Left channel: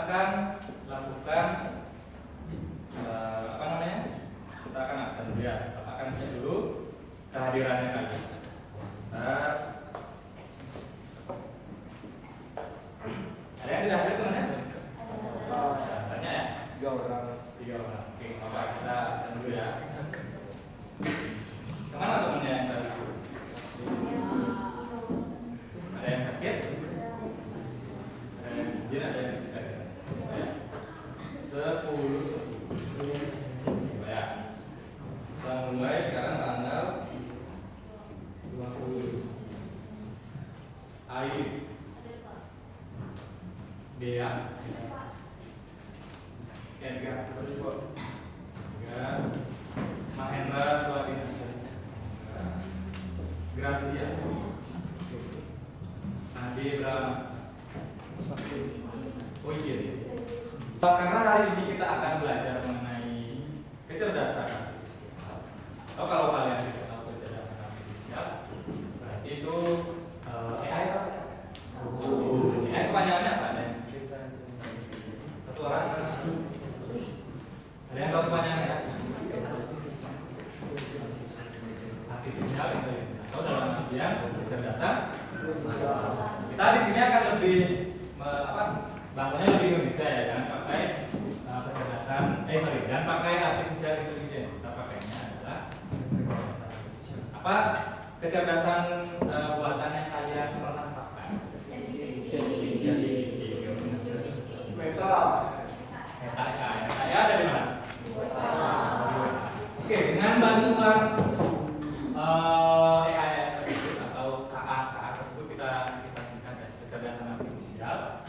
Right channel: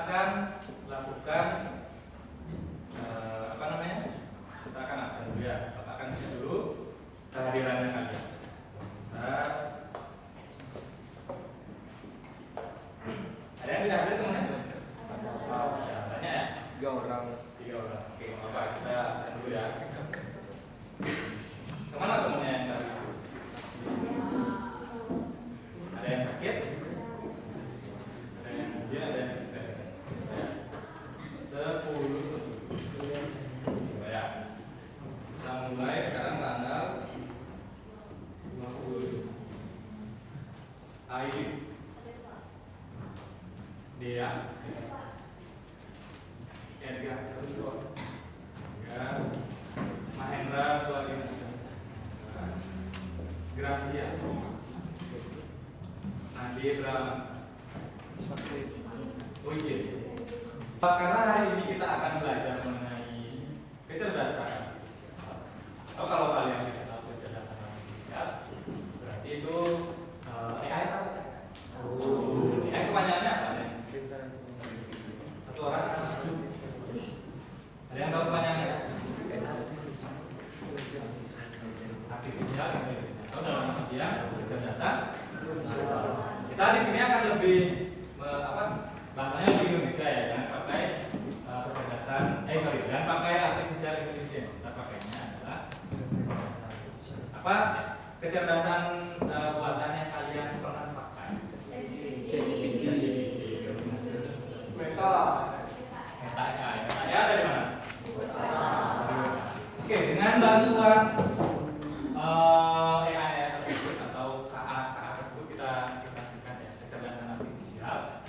akan lakukan apa namanya? Kita akan absen dulu ya. Bapak akan cek dulu kehadirannya kalian. Ada yang tidak hadir teman-teman? Tanya ya? 3 orang. 3 orang. Oke, Bapak kita absen dulu ya. Kemana temannya yang tadi? Ada yang sakit? Ada yang izin, ada yang disipet. Ya. 10. Ya. Kita mulai sekarang tanggal 20. Aidi. Dia. Edgar. Ya. Mahendra Swadina. Gracia. Nanti berapa? Oh iya. Karena hari ini kita akan belajar mengenai kecerdasan artifisial. Atau kalau kalian tidak tahu kecerdasan artifisial, berarti itu AI apa? AI kepanjangannya apa? Satu orang. Ada yang tahu kepanjangannya? Artifisial atau dalam artian kecerdasan. Kita di sini akan lebih bahasanya lebih Indonesia ya, jangan pakai kecerdasan dan pakai artificial intelligence. Kita pakainya adalah apa? Kecerdasan buatan yang kalian pernah pakai. Meta ya dari mana? Oke, dengan bantuan AI tersebut atau KA tersebut kita singkat ya, kecerdasan artifisial.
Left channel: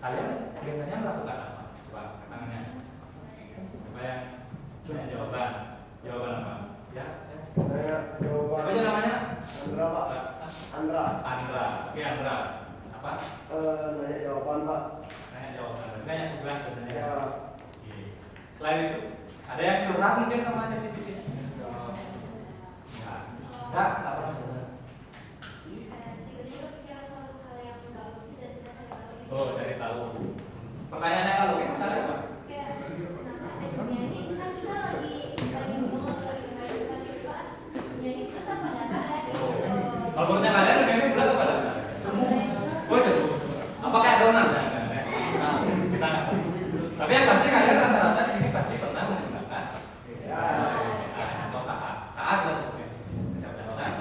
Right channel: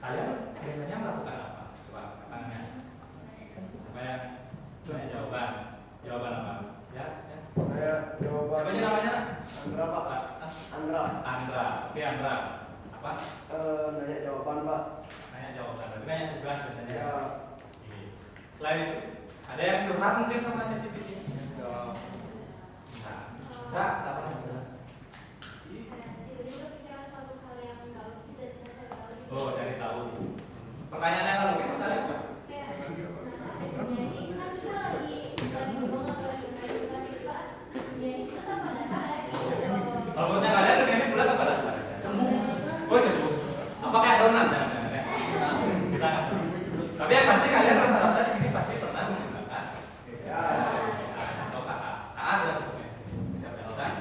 Kalian biasanya melakukan apa? Coba tangannya. Siapa yang punya jawaban apa? Ya. Siapa aja namanya? Andra, Pak. Andra. Oke, Andra. Apa? Nanya jawaban, Pak. Nanya jawaban. Berarti nanya tugas biasanya. Ya. Oke. Selain itu, ada yang curhat mungkin sama ChatGPT? Enggak, apa maksudnya? Oh, cari tahu. Pertanyaannya kalau misalnya apa? Algoritma kalian ini bulat apa datar? Oh itu. Apakah adonan? Kita nggak tahu. Tapi yang pasti kalian rata-rata di sini pasti pernah menggunakan atau KA. KA adalah sebuah kecerdasan.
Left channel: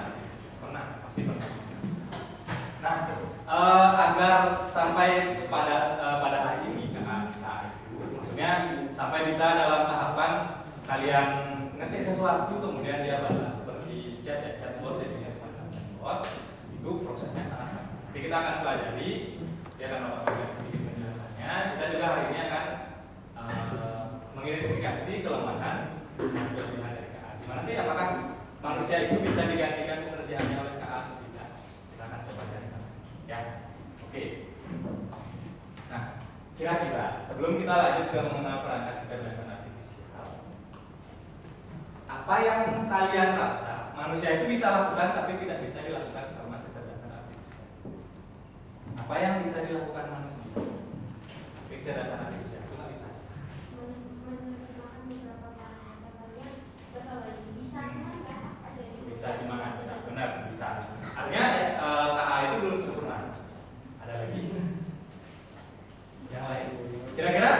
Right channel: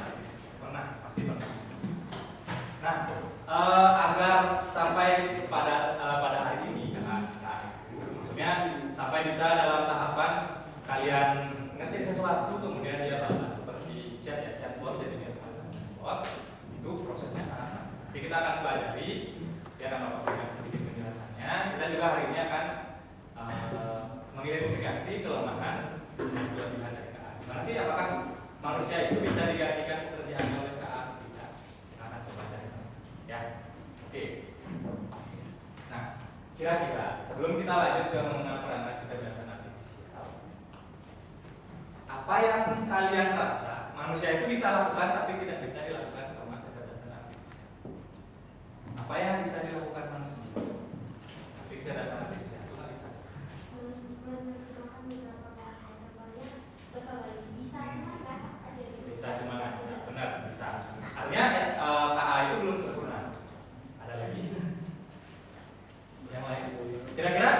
Pasti pernah. Nah, agar sampai pada hari ini KA itu, maksudnya sampai bisa dalam tahapan kalian ngetik sesuatu kemudian dia balas seperti chatbot jadinya semacam chatbot, itu prosesnya sangat sama. Jadi kita akan pelajari, dia akan memberikan sedikit penjelasannya. Kita juga hari ini akan mengidentifikasi kelemahan dan kelebihan dari KA. Gimana sih, apakah manusia itu bisa digantikan pekerjaannya oleh KA atau tidak? Kita akan coba cari tahu. Ya, oke. Nah, kira-kira sebelum kita lanjut ke mengenal perangkat kecerdasan artifisial, apa yang kalian rasa manusia itu bisa lakukan tapi tidak bisa dilakukan sama kecerdasan artifisial? Apa yang bisa dilakukan manusia tapi kecerdasan artifisial itu nggak bisa? Bisa cuma kan? Benar, bisa. Artinya KA itu belum sempurna. Ada lagi? Yang lain? Kira-kira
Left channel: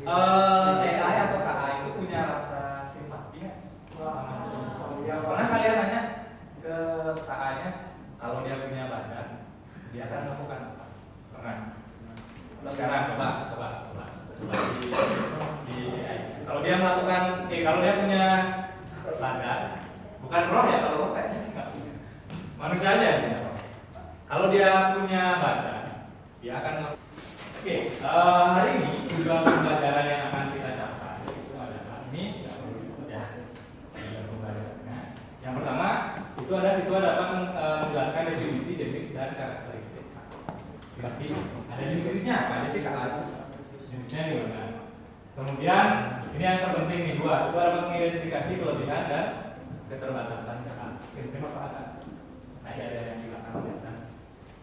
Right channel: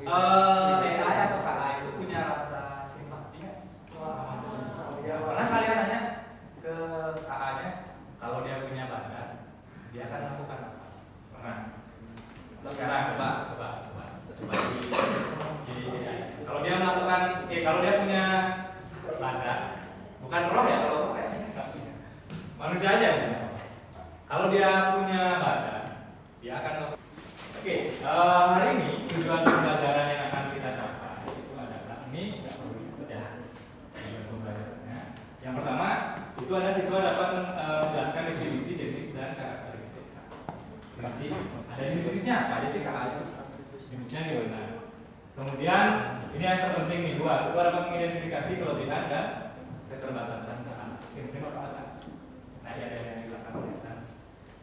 AI atau KA itu punya rasa simpati nggak? Pernah kalian nanya ke KA-nya kalau dia punya badan, dia akan melakukan apa? Pernah? Sekarang coba di AI. Kalau dia melakukan, kalau dia punya badan, bukan roh ya, kalau roh kayaknya nggak punya. Manusia aja yang punya roh. Kalau dia punya badan, dia akan. Oke, hari ini tujuan pembelajaran yang akan kita capai itu adalah ini ya. Tujuan pembelajarannya. Yang pertama itu ada siswa dapat menjelaskan definisi jenis dan karakteristik. Berarti ada jenis-jenisnya apa aja sih KA itu? Jenisnya di mana? Kemudian ini yang terpenting nih, dua, siswa dapat mengidentifikasi kelebihan dan keterbatasan KA. Terima kasih. Nah, ada yang di belakang.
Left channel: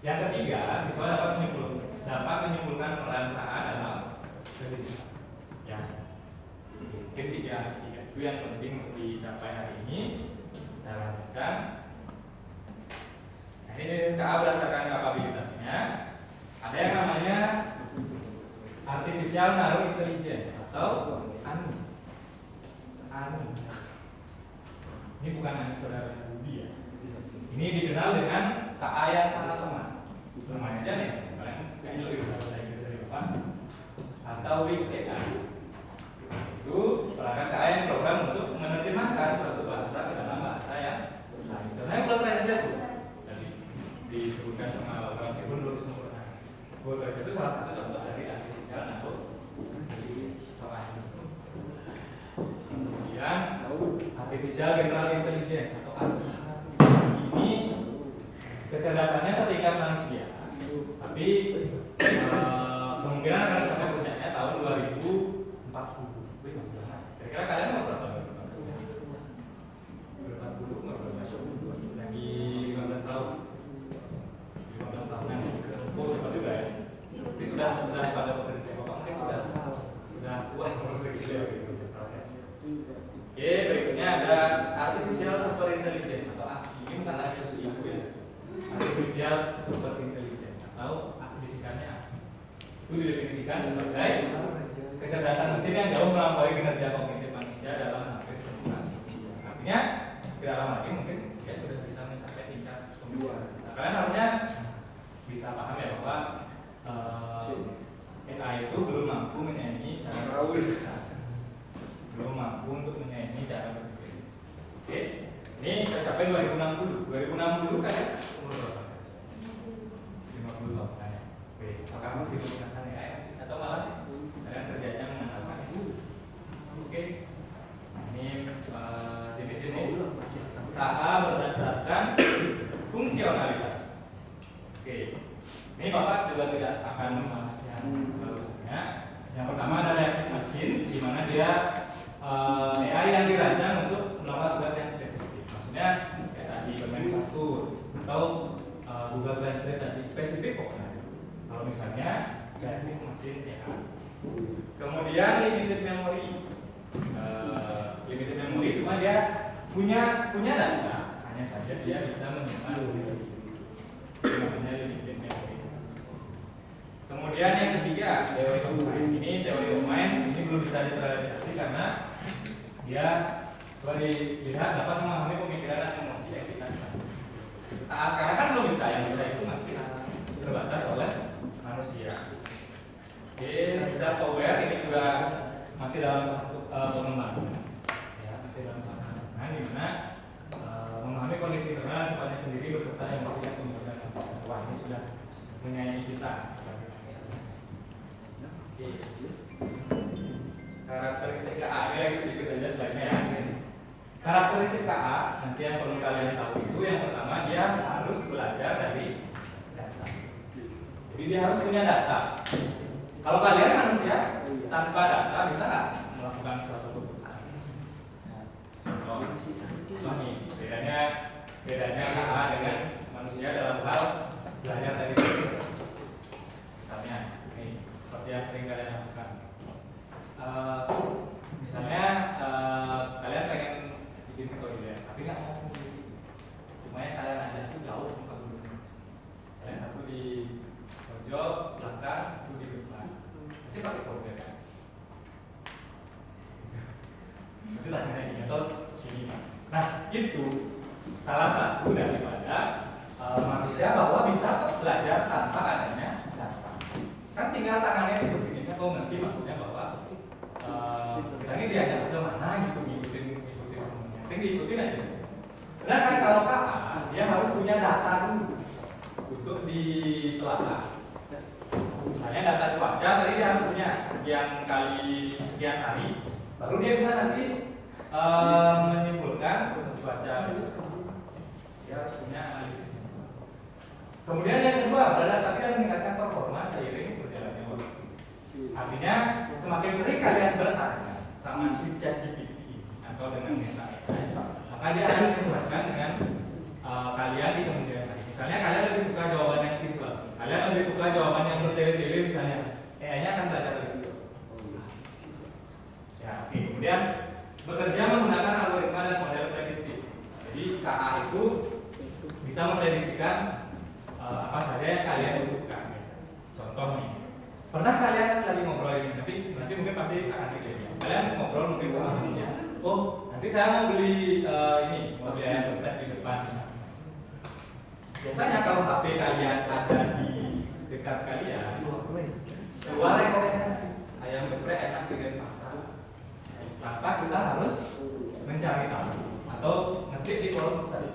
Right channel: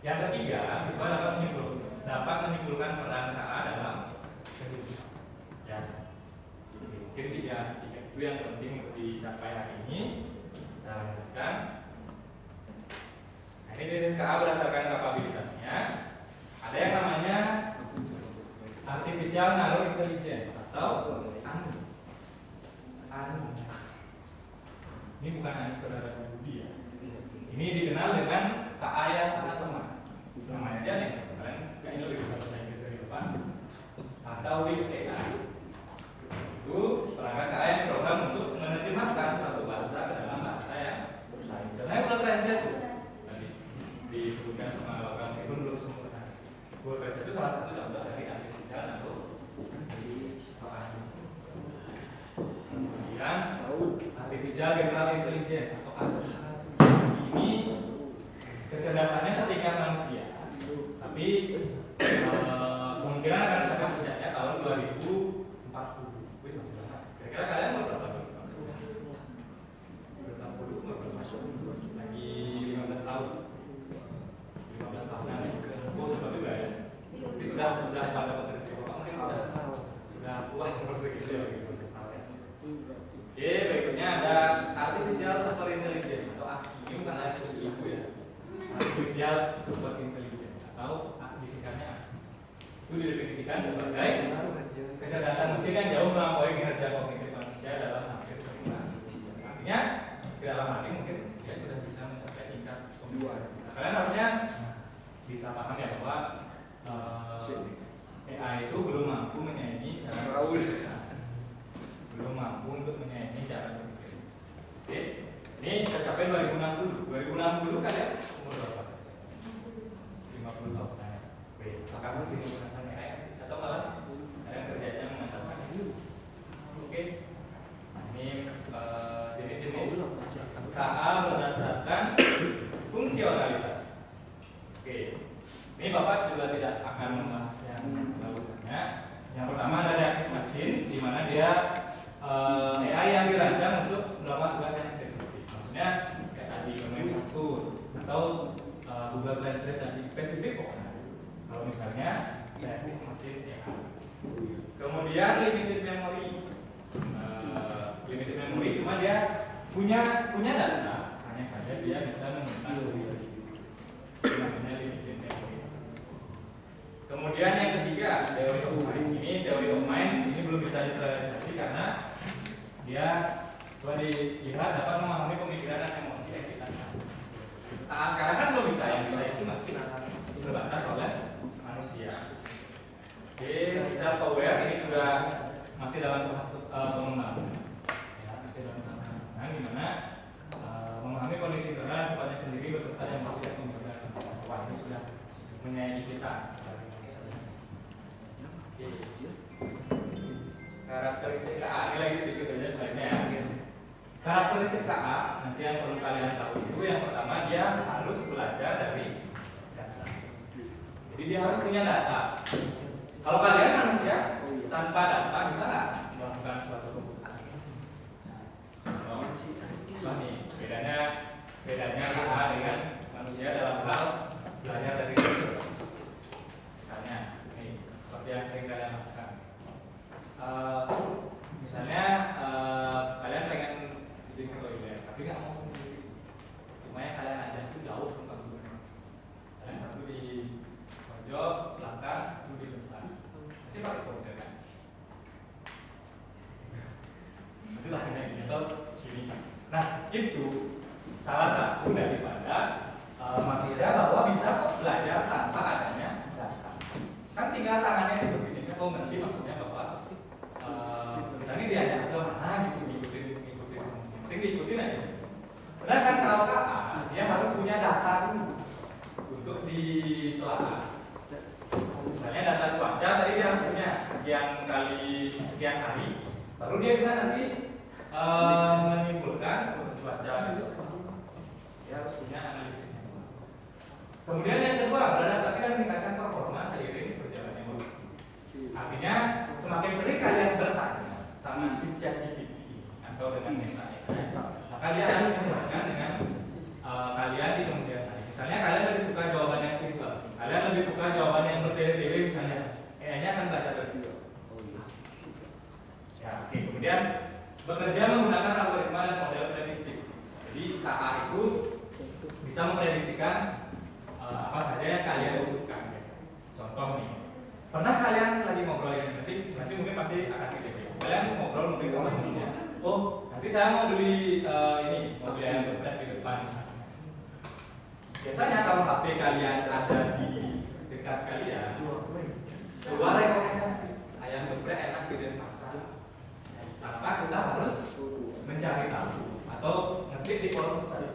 Yang ketiga, siswa dapat menyimpulkan peran KA dalam ya itu yang penting untuk dicapai hari ini. Kita lanjutkan. Nah, ini SKA berdasarkan kapabilitasnya. Ada yang namanya artificial narrow intelligence atau ANI. Ini bukan hanya saudara Budi ya. Ini dikenal dengan KA yang sangat lemah. Namanya aja nih, kalian kayaknya lebih bisa bahasa Inggris dari depan. Atau Big AI. Itu perangkat KA yang program untuk menerjemahkan suatu bahasa ke dalam bahasa yang lain. Contohnya Google Translate tuh tadi disebutkan sama Bang Sikun dulu sempurna. Google Translate itu salah satu contoh dari artificial narrow intelligence. Kemudian artificial general intelligence atau AGI. Ini kecerdasannya setingkat manusia, tapi kemungkinan akan mencapai puncaknya tahun 2040. Wih, masih lama. Kira-kira kalian mau berapa tahun? 2040 nggak berapa? Lagi 15 tahun. 15 tahunan. Oh, cepat juga ya. Ini sudah pada potensi. Mungkin sudah tua umur segitu ya. Oke, berikutnya ada artificial super intelligence atau ASI. Ini bukan ASI itu ya. Artificial super intelligence atau disingkatnya ASI. Itu didefinisikan sebagai kecerdasan mesin yang jauh melampaui kinerja kognitif manusia dalam hampir semua. Artinya tidak lama lagi mungkin dia sudah bisa mencapai tingkat pemikiran. Nah, kalian harusnya bisa paham ya bahwa AI itu belum mampu menyaingi cara berpikir. Belum mampu untuk menyaingi cara berpikir. Oke, ini tercapai 2060. 2060 kan ya umur berapa? 50 tahun kan ya. Oke, apakah masih menggunakan AI atau malah kalian kerjanya mengandalkan? Oke, nah, ini jenis-jenis KA berdasarkan fungsionalitas. Oke, ini Bapak juga tidak akan membahas yang lainnya. Yang pertama ada reaktif mesin, di mana dia AI yang dirancang untuk melakukan tugas yang spesifik. Maksudnya kayak tadi bermanufaktur atau Google Translate tadi spesifik pokoknya. Kalau misalnya reaktif mesin AI. Kemudian limited memory. Limited memory cuma dia punya data, hanya saja dia bisa menyimpan diri sendiri. Namanya limited memory. Kemudian yang ketiga, teori of mind. Ini teori of mind ini belum bisa diterapkan karena dia coba dilihat dapat memahami pemikiran dan emosi yang kita alami. Nah, sekarang kan belum bisa, yang bisa itu masih terbatas oleh manusia. Oke, self aware ini juga masih dalam pengembangan. Ya, masih dalam pengembangan di mana memahami kondisi internal sifatnya sendiri beserta yang melakukan kemudian. Wah, ini sudah menyayangi kita. Oke. Karakteristik KA ini lagi sedikit saja slide-nya ya. Karakteristik KA nanti yang perlu kalian tahu itu yang pertama dia harus belajar dari data. Jadi dia harus punya data. Kalau kalian manusia tanpa data bisa nggak melakukan suatu keputusan? Nah, nih bedanya KA dengan manusia dalam hal belajar dari data. Misalnya, nih seperti yang sering kalian lakukan. Misalnya kalian pengen bikin ke toilet, tapi nggak mau sendiri. Cuma yang kalian ajak itu jauh ke kebun. Kalian satu di pojok belakang, satu di depan. Masih pakai kode kan? Masih tanya gini atau gini. Nah itu salah satu daripada manusia bahwa bisa belajar tanpa adanya data. Kan tinggal tangannya diberikan. Oh nanti maksudnya bahwa kita ini diajak ke mana gitu, ngikutin yang penting diikutin aja. Sedangkan kalau KA dia harus punya data dulu untuk ditelaah. Misalnya data cuaca tadi dia harus punya sekian hari, baru dia bisa nanti menyimpulkan cuaca besok. Dia harus punya analisisnya. Kemudian yang kedua, beradaptasi dan meningkatkan performa seiring berjalannya waktu. Artinya semakin sering kalian bertanya sama si ChatGPT atau dengan Meta AI, maka dia akan menyesuaikan dengan kalian di kemudian hari. Misalnya kalian lebih suka jawaban yang simpel, kalian lebih suka jawaban yang bertele-tele misalnya, AI-nya akan belajar dari situ. Ya, oke. Kemudian bekerja menggunakan algoritma dan model prediktif. Jadi KA itu bisa memprediksikan apa saja yang kalian butuhkan. Contoh nih, pernah kalian lagi ngobrol ini, nanti mungkin pasti akan kejadian. Kalian ngobrol mungkin sama temennya, oh nanti saya mau beli mau beli ayam geprek di depan. Biasanya kalau HP kalian ada di dekat kalian, keluar rekomendasi ayam geprek enak di pasar. Tanpa kita harus mencari tahu atau ngetik di kolom besar.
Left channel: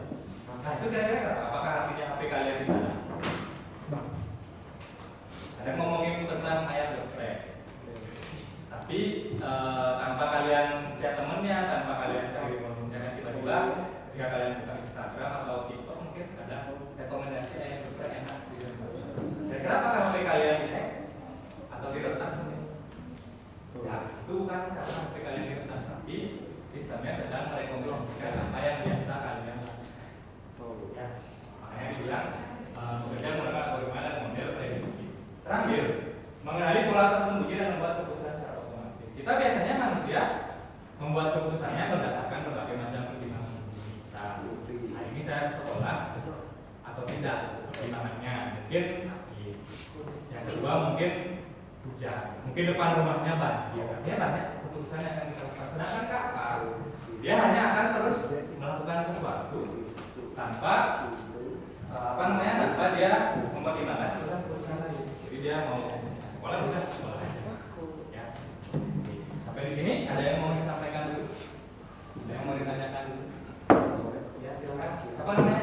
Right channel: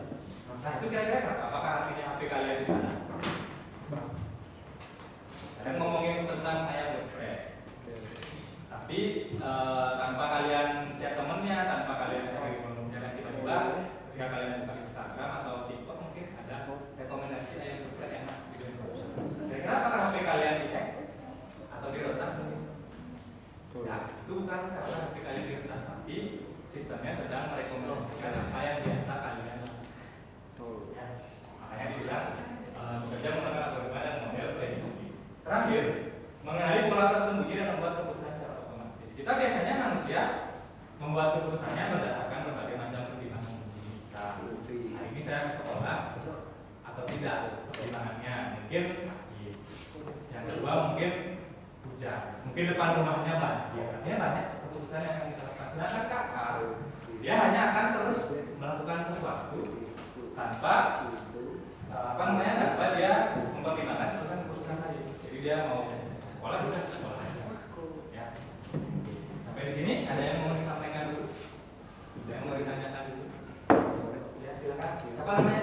Nah itu kira-kira apa? Apakah artinya HP kalian di sana? Ada ngomongin tentang ayam geprek, tapi tanpa kalian chat temennya, tanpa kalian cari komentarnya, tiba-tiba ketika kalian buka Instagram atau TikTok mungkin ada rekomendasi ayam geprek enak di pasar. Kira-kira apakah HP kalian dihack atau diretas mungkin? Ya, itu bukan karena HP kalian diretas, tapi sistemnya sedang merekomendasikan apa yang biasa kalian lakukan. Ya, makanya dibilang bekerja menggunakan algoritma dan model prediktif. Terakhir, mengenali pola tersembunyi dan membuat keputusan secara otomatis. Kita biasanya manusia membuat keputusannya berdasarkan berbagai macam pertimbangan. Misal, hari ini saya ke sekolah atau tidak, pertimbangannya mungkin sakit. Yang kedua mungkin hujan, mungkin depan rumahnya banjir. Artinya banyak keputusan yang akan kita lakukan. Sedangkan kakak, dia hanya akan terus melakukan sesuatu tanpa tanpa dia mempertimbangkan keputusan tadi. Jadi dia mau sekolah udah sekolah aja. Ya. Sampai di sini ada yang mau disampaikan dulu? Ada yang mau ditanyakan dulu? Ya silakan. Siapa namanya?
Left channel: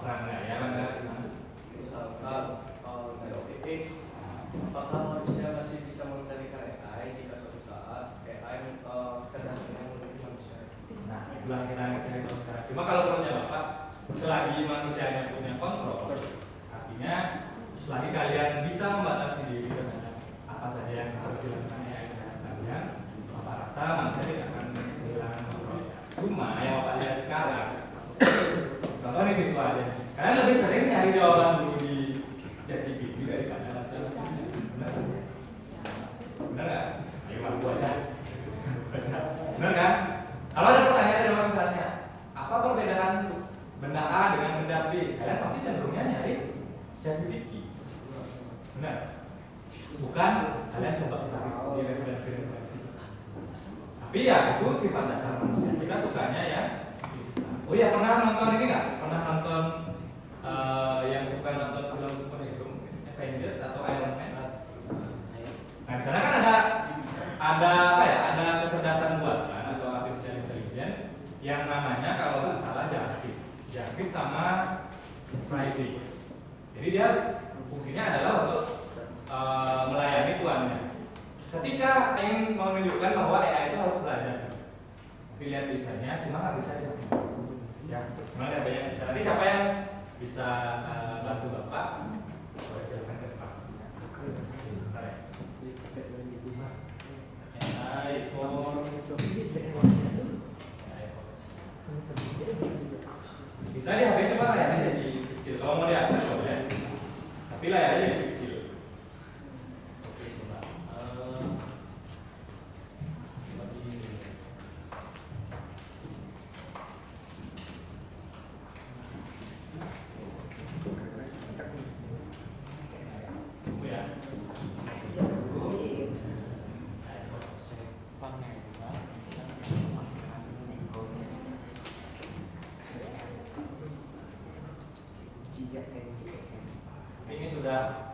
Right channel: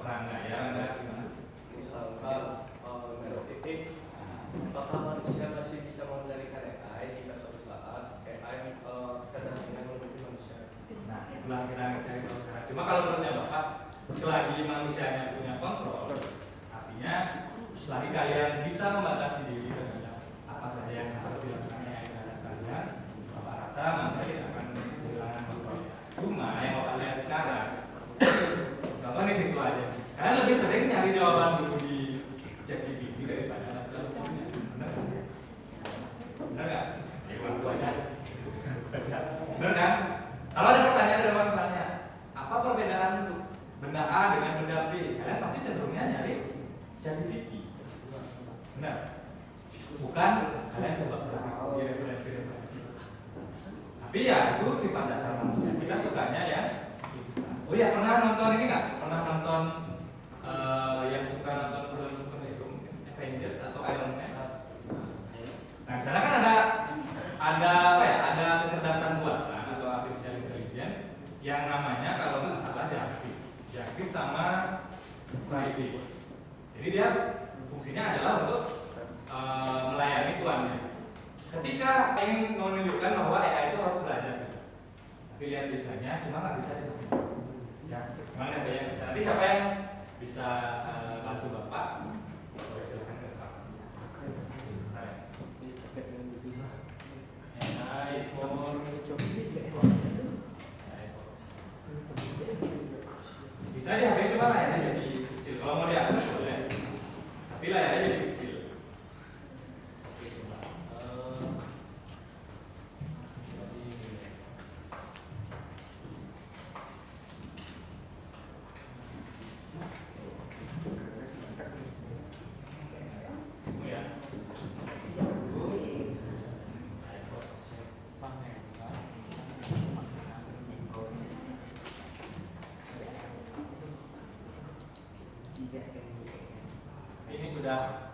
Rangga. Ya Rangga gimana? Misalkan dari titik, apakah masih bisa mengendalikan AI jika suatu saat AI tergantung dengan manusia? Nah, itulah kita cari tahu sekarang. Cuma kalau menurutnya Bapak, selagi manusianya punya kontrol, artinya selagi kalian bisa membatasi diri dengan apa saja yang harus dilakukan oleh kalian, Bapak rasa manusia tidak akan kehilangan kontrolnya. Cuma yang Bapak lihat sekarang, contoh nih siswa aja, kalian lebih sering nyari jawaban dulu di ChatGPT daripada baca bukunya. Benar kan? Benar nggak? Ayo malu aja. Benar kan? Kalau ada pertanyaan dalam misalnya, apa perbedaan benda A dengan benda B? Kalian pasti cenderungnya nyari ChatGPT. Benar? Bukan kalian coba cari di referensi. Tapi ya itu sifat dasar manusia. Kita sukanya ya. Oh iya, pernah nonton ini nggak? Pernah nonton yang suka nonton film superhero, Avengers atau Iron Man? Nah di sana kan ada apa ya? Ada kecerdasan buatan atau artificial intelligence yang namanya kalau nggak salah Jarvis sama Friday. Jadi dia fungsinya adalah untuk melayani tuannya. Ketika ingin menunjukkan bahwa AI itu harus belajar, tapi lihat desainnya cuma nggak bisa aja. Ya, cuma lihat yang bisa. Tapi siapa yang bisa bantu Bapak? Boleh silakan ke depan. Bisa di HP coba layarnya jadi kecil. Kalau mau diakses boleh, tapi layarnya jadi kecil. Oke, coba. Ini sudah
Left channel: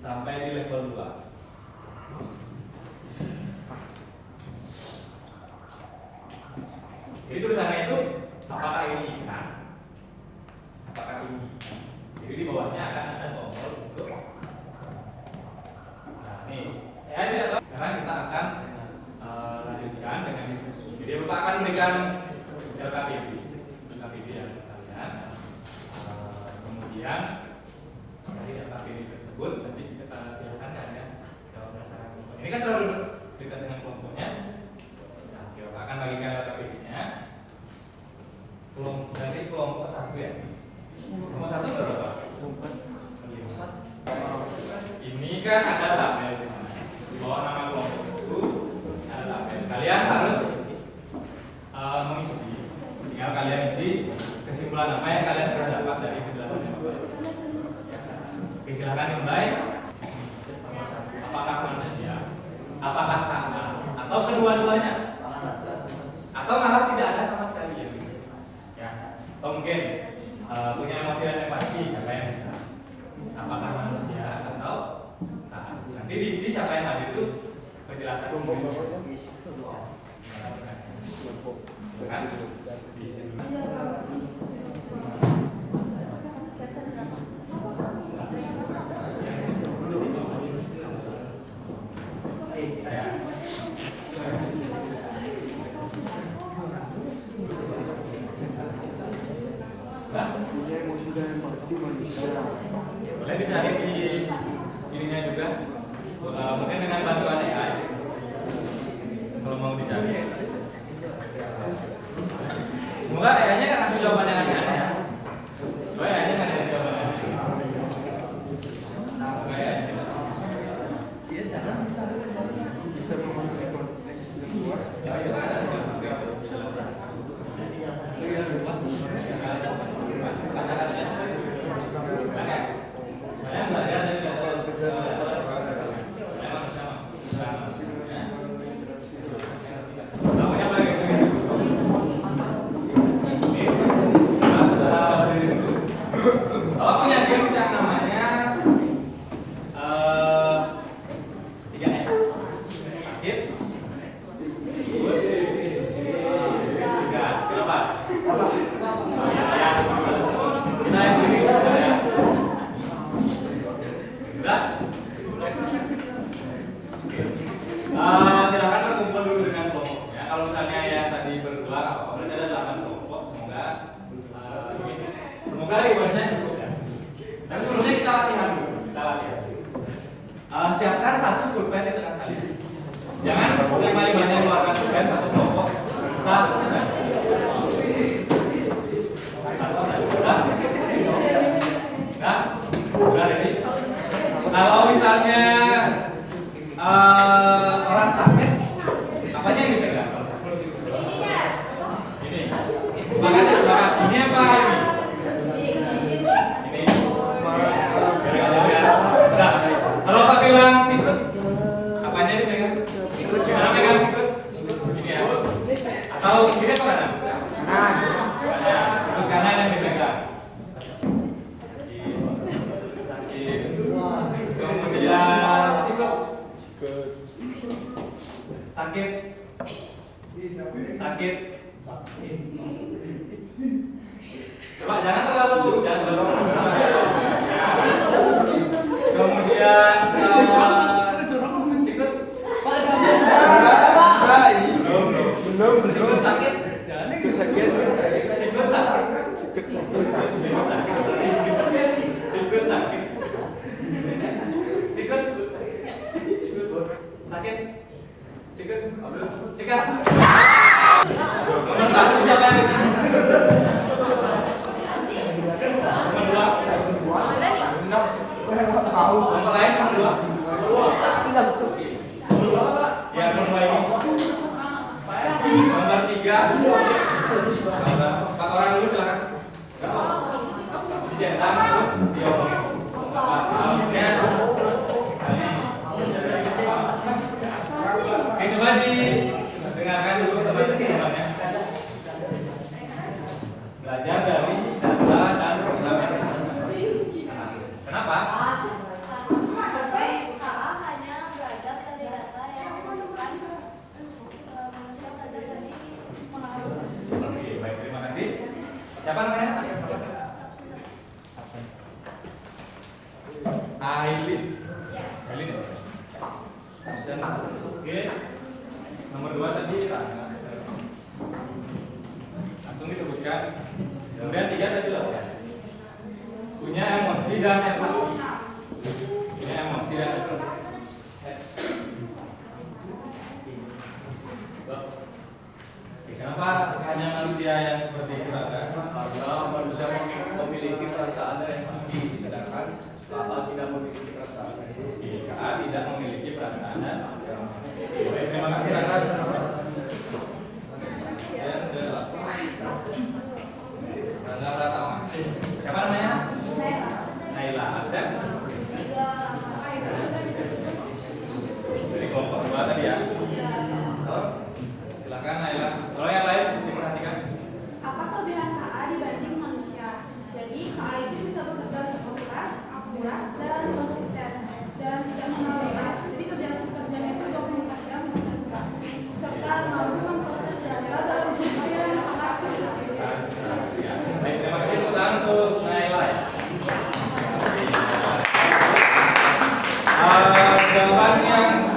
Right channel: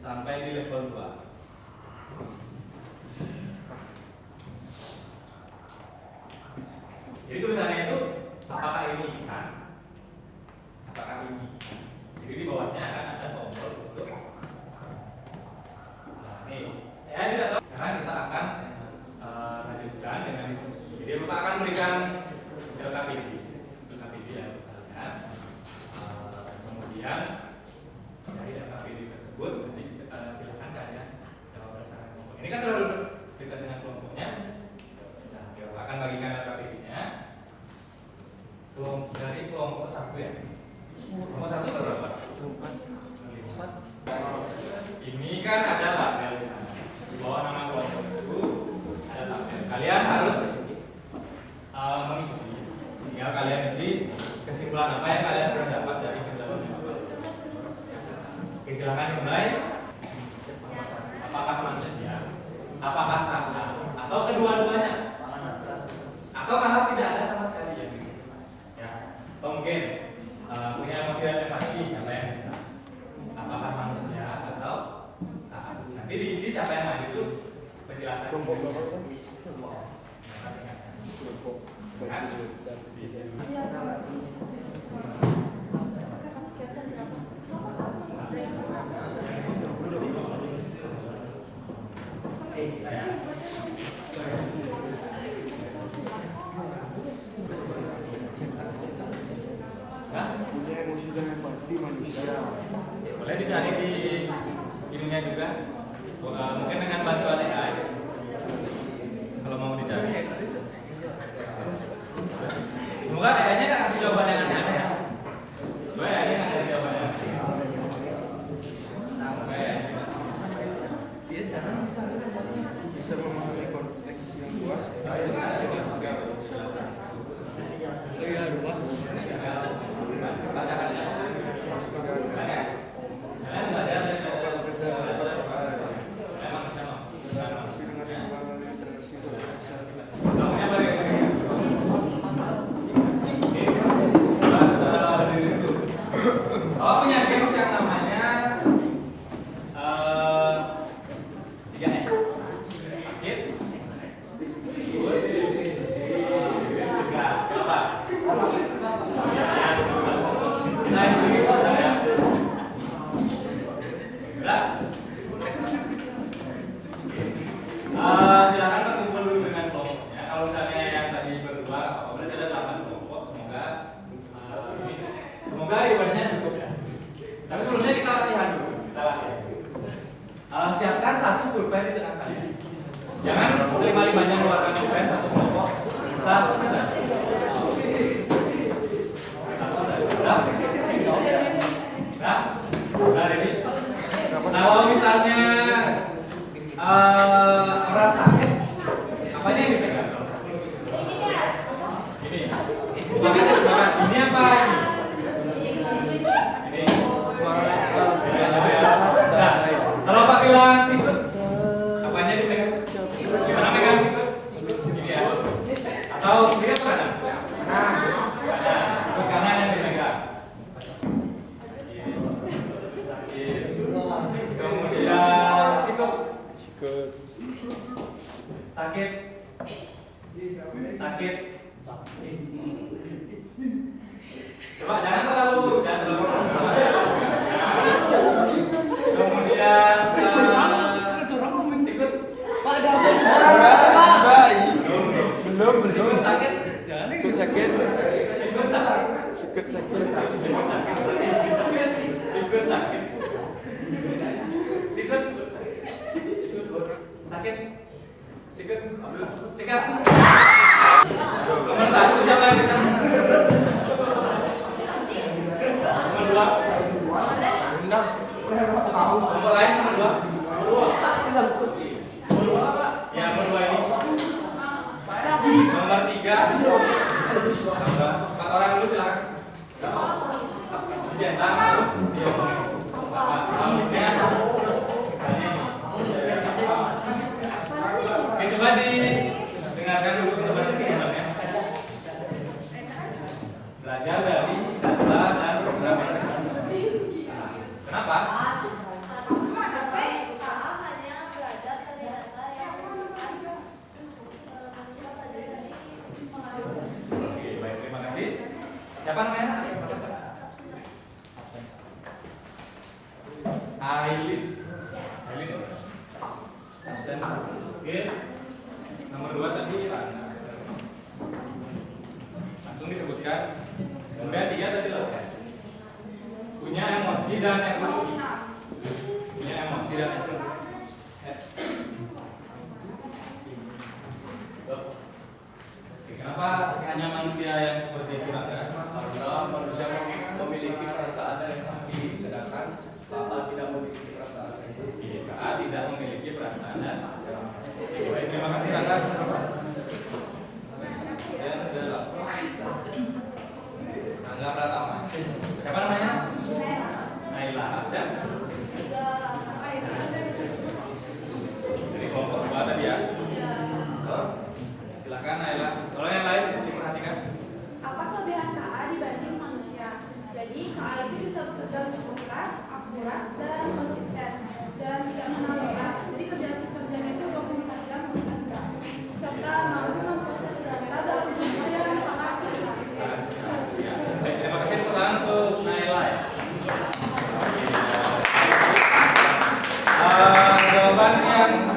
sampai di level 2. Jadi tulisannya itu apakah ini ikan? Apakah ini ikan? Jadi di bawahnya akan ada tombol untuk. Nah nih, ya tidak tahu. Sekarang kita akan lanjutkan dengan diskusi. Jadi Bapak akan berikan LKPD ya kalian. Kemudian dari LKPD tersebut nanti silakan kalian jawab berdasarkan kelompok. Ini kan sudah dekat dengan kelompoknya. Nah, kita akan bagikan LKPD-nya. Dari kelompok 1 ya. Kelompok 1 berapa? Ini kan ada tabel di sana. Di bawah nama kelompok itu ada tabel. Kalian harus apa yang kalian sudah dapat dari penjelasan Bapak? Oke, silakan dimulai. Apakah manusia? Apakah kakak? Atau kedua-duanya? Atau malah tidak ada sama sekali ya? Ya. Atau mungkin punya emosi dan empati, siapa yang bisa? Apakah manusia atau kakak? Nanti diisi siapa yang maju itu penjelasan. Kan? Diisi dulu. Boleh dicari di ininya juga. Mungkin dengan bantuan AI. Kalau mau dicari. Semoga AI-nya kan kasih jawaban yang aneh-aneh ya. Soalnya AI-nya kan cari jawaban yang aneh. Kalau punya game yang namanya 3S, sakit, ribut, segar. Kenapa? Kita sedikit ya. Gerak. Silakan berkumpul dulu dengan kelompoknya. Kalau misalnya yang tadi berdua, berarti ada 8 kelompok. Semoga ribuannya cukup ya. Tapi sebelumnya kita latihan dulu. Siapkan satu pulpen di tengah tali. Jangan lima-limanya mengeluarkan pulpen, satu kelompok. Satu saja. Nah, ini. Kalau misalnya orang sakit, apanya yang dipegang? Ini. Semangat. Ini apa ini? Nah, kalau pakai bilang sikut, apanya dipegang? Gimana pegang sikut? Ya. Atau kiri apa kanan? Sikut kanan yang dipegang. Kemudian sikut. Sakit. Coba jangan terlalu. Kemudian sikut. Sikut sakit. Sikat. Nomor 1 siapa yang bisa? Nomor 2. Nomor lain nomor 2. Ya, nomor 2 ini. Nomor 3. Nomor 4 orang dulu silakan. Dicetak terus diomongin. Halnya oke, coba didengarkan dulu kita baca gambarnya. Belajar dari data dan program yang kenapa? KA hanya belajar dari data yang dimasukkan manusia belajar dari pengalaman. Oke, baik, terima kasih. Siapa namanya? Aileen. Absen. Oke. Nomor 2 tadi Rana. Langsung disebutkan. Kemudian 3 tadi loh. Punya emosi dan empati. Kenapa hanya manusia yang seperti itu? Karena manusia memiliki perasaan dan empati, sedangkan KA tidak memiliki perasaan. KA tidak memiliki perasaan dan baik, terima kasih Raka. Dan Rangga Pratama.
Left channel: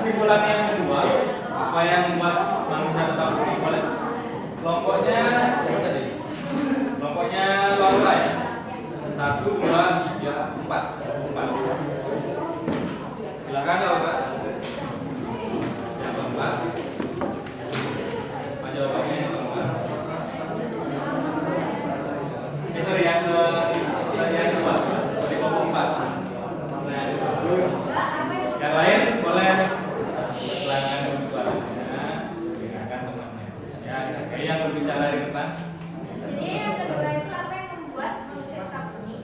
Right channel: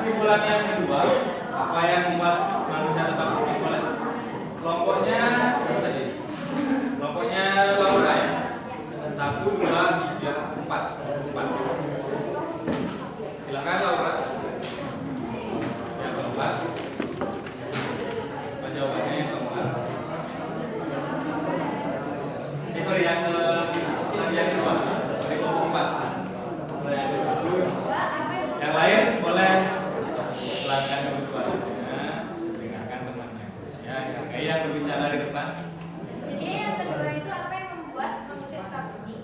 kesimpulan yang kedua, apa yang membuat manusia tetap unik? Boleh? Kelompoknya apa tadi? Kelompoknya Laura ya. 1, 2, 3, 4. Silakan Laura. Yang keempat. Jawabannya yang keempat. Sorry, yang kedua. Di kelompok 4. Yang lain boleh silakan suaranya, dengarkan temannya. Ya, yang berbicara di depan. Jadi yang kedua itu apa yang membuat manusia tetap unik?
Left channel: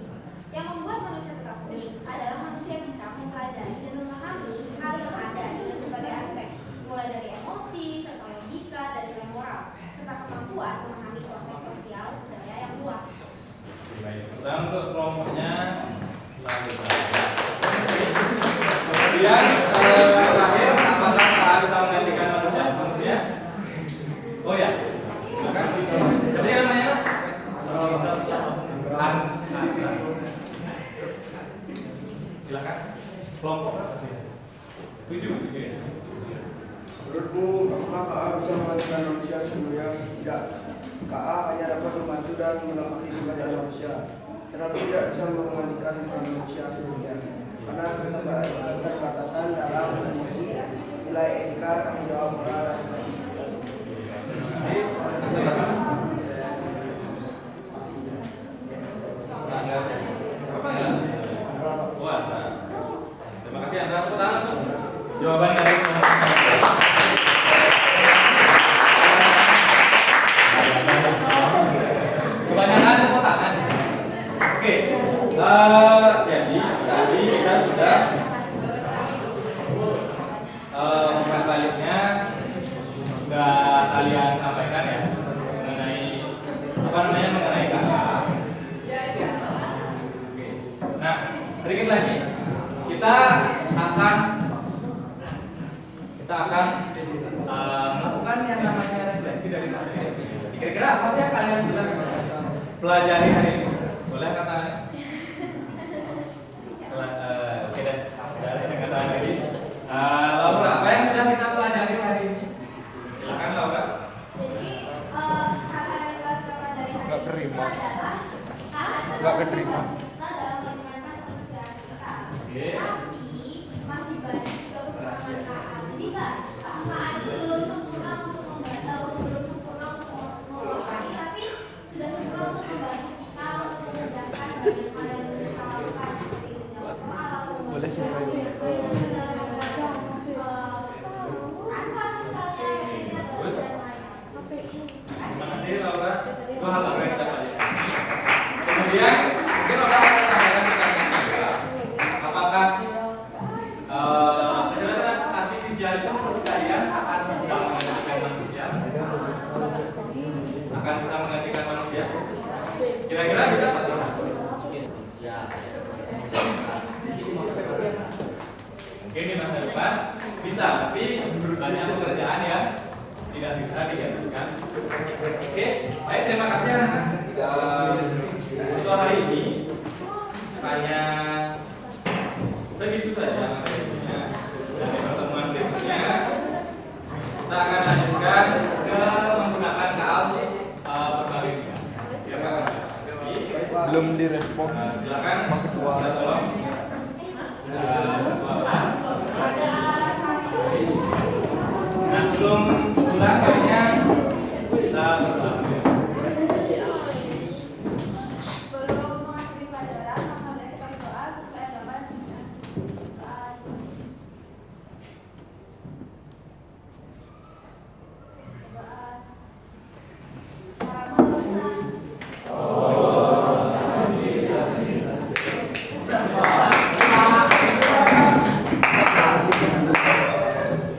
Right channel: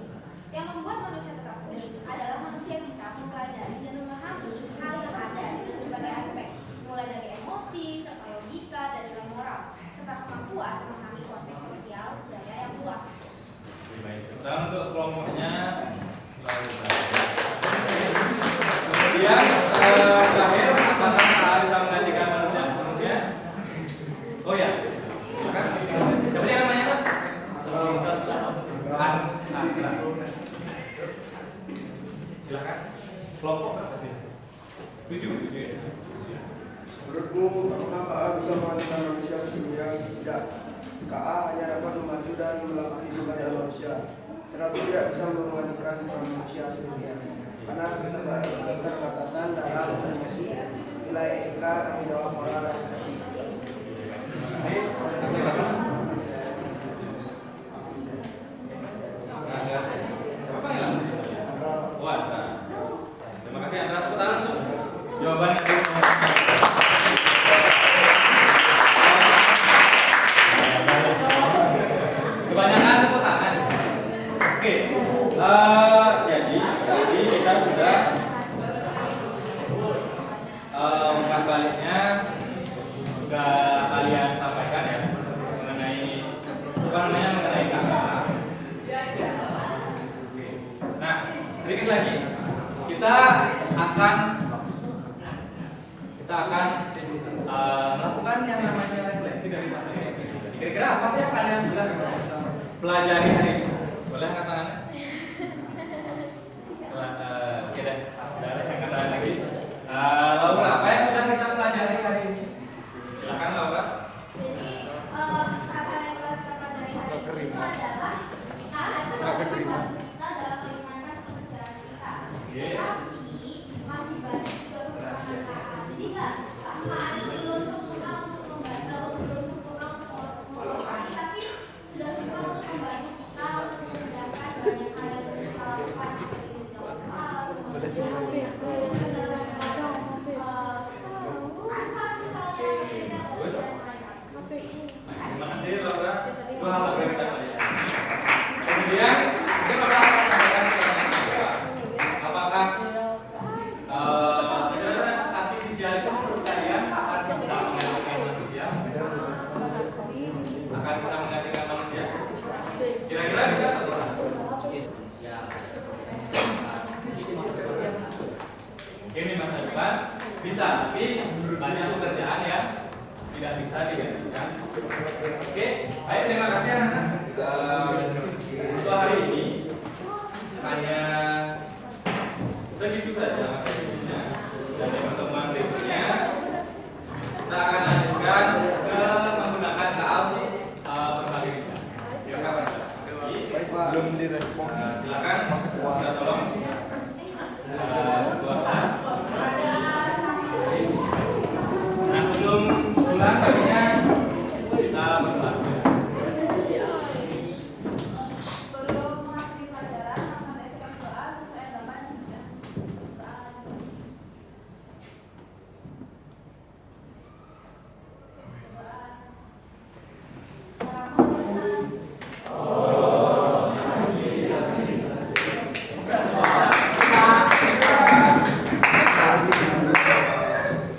Yang membuat manusia tetap unik adalah manusia bisa mempelajari dan memahami hal yang ada dengan berbagai aspek, mulai dari emosi, serta logika, dan nilai moral, serta kemampuan memahami konteks sosial budaya yang luas. Baik, dan untuk kelompoknya lalu kemudian terakhir, apakah kita bisa menggantikan manusia sepenuhnya? Oh ya, silakan. Jadi namanya silakan. Kelompok 7 ya. Menurutmu, apakah KA bisa menggantikan manusia sepenuhnya? Tidak. KA hanya dapat membantu dan melengkapi pekerjaan manusia, tetapi tidak bisa menggantikan peran manusia sepenuhnya. Karena keterbatasan dalam emosi, nilai etika, tanggung jawab moral, dan integritas. Terima kasih Anda. Tepuk tangan untuk jawaban dari nomor 1. Kebanyakan tepuk tangan. Oke. Jadi tadi kita sudah umpan baliknya sudah kalian sampaikan ya mengenai mengenai kakak. Oke. Nah, sedikit lagi kita akan melakukan yang namanya refleksi dari materi. Kira-kira apa sih yang kalian bilang pelajari hari ini? Boleh katanya? Oke deh, saya katakan lagi. Laura, apa yang sudah kita pelajari hari ini? Silakan Laura. Jadi hal yang telah kita pelajari hari ini itu adalah hal yang membantu kita dalam meringankan pekerjaan kita. Tapi masih banyak juga kekurangan KA. Jadi KA itu belum sempurna untuk membantu, belum sempurna untuk mengolahkan, tapi sudah sempurna untuk membantu kita untuk mengerjakan banyak hal yang bisa kita lakukan seperti menjawab soal, Terima kasih Laura. Itu hal yang kita pelajari. Kemudian mungkin Laura akan menanyakan pertanyaan kedua. Apakah kecerdasan artifisial itu menurut kalian akan bisa menggantikan manusia? Akan bisa menggantikan manusia? Kira-kira bisa apa tidak? Mungkin di masa depan bisa, tapi banyak pekerjaan yang tidak bisa digantikan. Oke, baik, terima kasih anak. Untuk hari ini hanya segitu saja. Dan di pertemuan berikutnya kita akan lanjutkan ke menggunakan KA berbalik. Terima kasih. Belum direspon. Silakan kita tolong. 12. Nah, sebelum pulang